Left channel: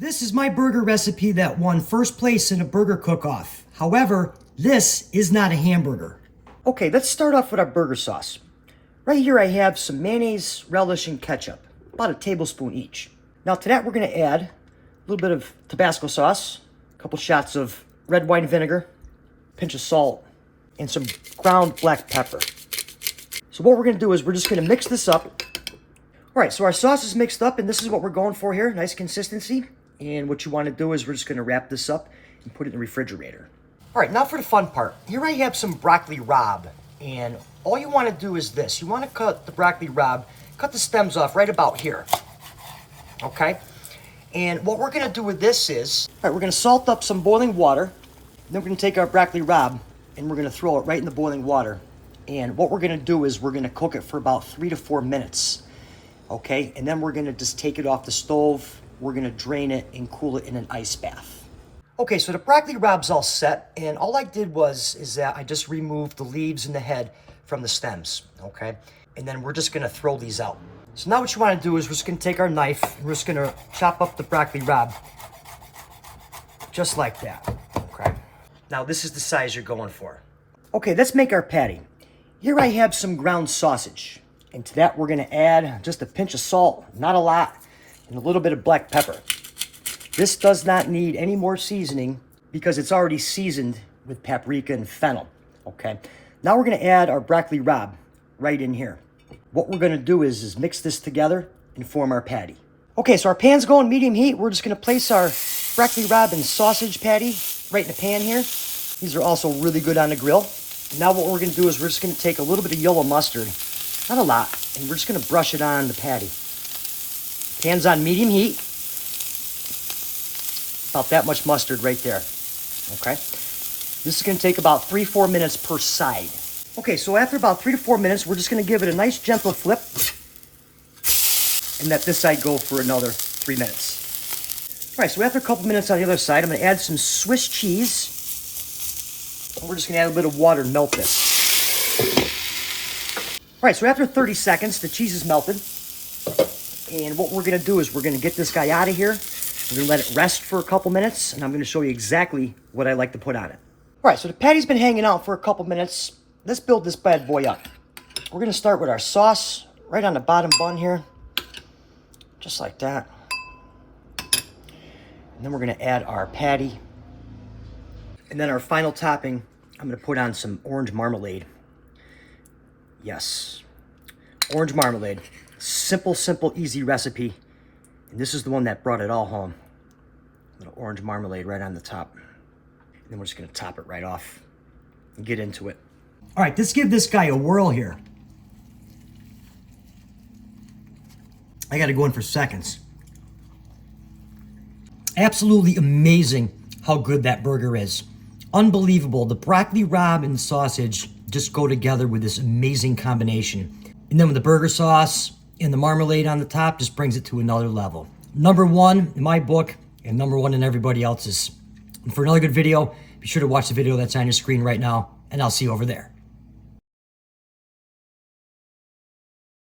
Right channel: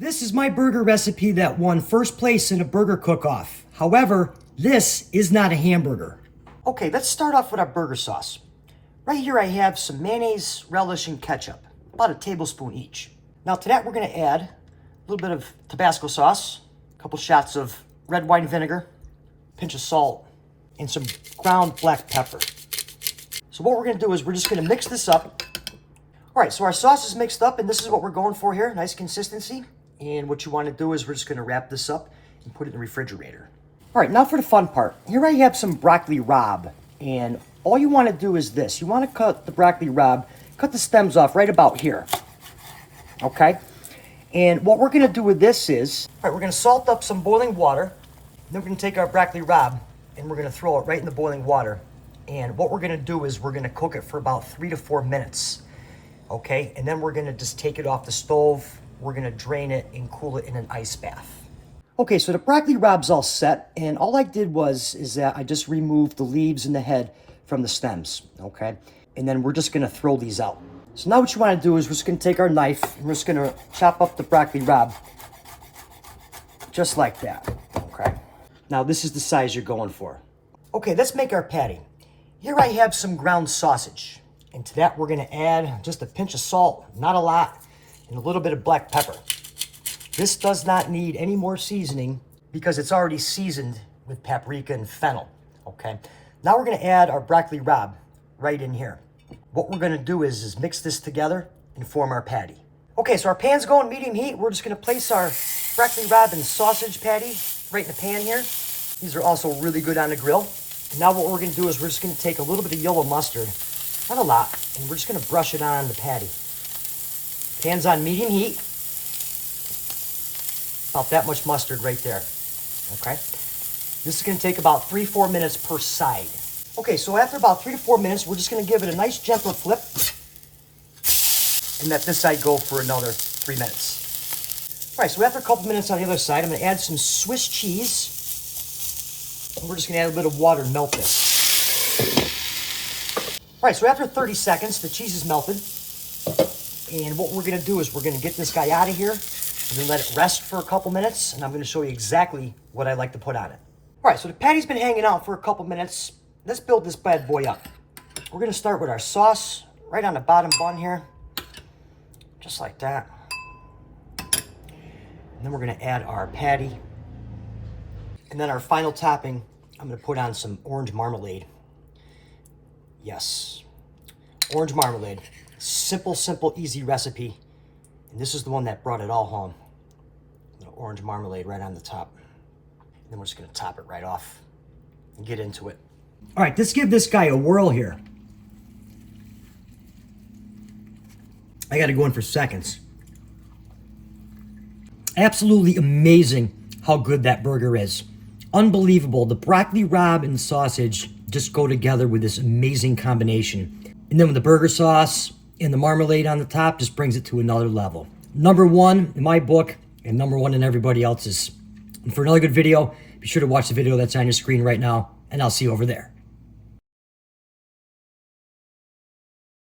This is my burger recipe that won first place in a burger cook-off. However, this is not a hamburger. Okay, let's start off with our burger sauce. Right here I have some mayonnaise, relish, and ketchup, about a tablespoon each. Now to that we're gonna add a little bit of Tabasco sauce, a couple shots of red wine vinegar, a pinch of salt, and some ground black pepper. So what we're gonna do is we're just gonna mix this up. All right, so our sauce is mixed up and this is what we're going for here, nice consistency. And what you wanna do is we're just gonna wrap this up and put it in the refrigerator. All right, now for the fun part. Here I have some broccoli rabe, and all you wanna do is this. You wanna cut the broccoli rabe, cut the stems off right about here, okay? And what we're gonna do with this is, all right, we're gonna salt up some boiling water, then we're gonna take our broccoli rabe and we're gonna throw it right in the boiling water. And what we're gonna do is we're gonna cook it for about 3 to 4 minutes, okay? And then we're gonna just take it off the stove, we're gonna drain it and cool it in an ice bath. Okay, so the broccoli rabe's all set, and all I did is that I just removed the leaves and the head from the stems, okay? And then we're just gonna throw these out. So now what you wanna do is we're just gonna take our knife and we're just gonna chop up the broccoli rabe, just like that, okay? Now this is the size you're going for. Okay, let's make our patty. Here I have some ground sausage, and to that we're gonna add just a pinch of salt, not a lot, and a little bit of black pepper. This does not need any more seasoning because it's already seasoned with paprika and fennel, okay? Now we're gonna add our broccoli rabe right in here. What we're gonna do is mix this together and form our patty. Okay, so our pan's going medium heat. We're just gonna place our broccoli rabe and sausage patty right in the pan here. These are also really good on the grill. Now what we're gonna do is we're just gonna take a little bit of yellow mustard, not a lot, and we're just gonna brush it on the patty. Pan's on medium heat. About that much mustard right there, okay? This is gonna take about 3-4 minutes per side. Okay, so after about 3 to 4 minutes, we're just gonna give it a nice gentle flip and let this side go for another 3 minutes. All right, so after a couple minutes on the other side, I'm gonna add some Swiss cheese. And we're just gonna add a little water and melt this. All right, so after 30 seconds, the cheese is melted. And what we're gonna do is we're gonna get this guy out of here. We're gonna let it rest for a couple minutes, and I'm gonna show you exactly what I like to put on it. All right, so the patty's been hanging out for a couple minutes. Let's build this bad boy up. We're gonna start with our sauce right on the bottom bun here, just like that. And then we're gonna add our patty. And then our final topping, I'm gonna put on some orange marmalade. Yes, orange marmalade. Simple, simple, easy recipe. And this is the one that brought it all home. A little orange marmalade right on the top. And then we're just gonna top it right off and get into it. All right, let's give this guy a whirl here. I gotta go in for seconds. Absolutely amazing how good that burger is. Unbelievable. The broccoli rabe and sausage just go together with this amazing combination. And then with the burger sauce and the marmalade on the top just brings it to another level. #1 in my book and #1 in everybody else's. And for another good video, be sure to watch the video that's on your screen right now, and I'll see you over there.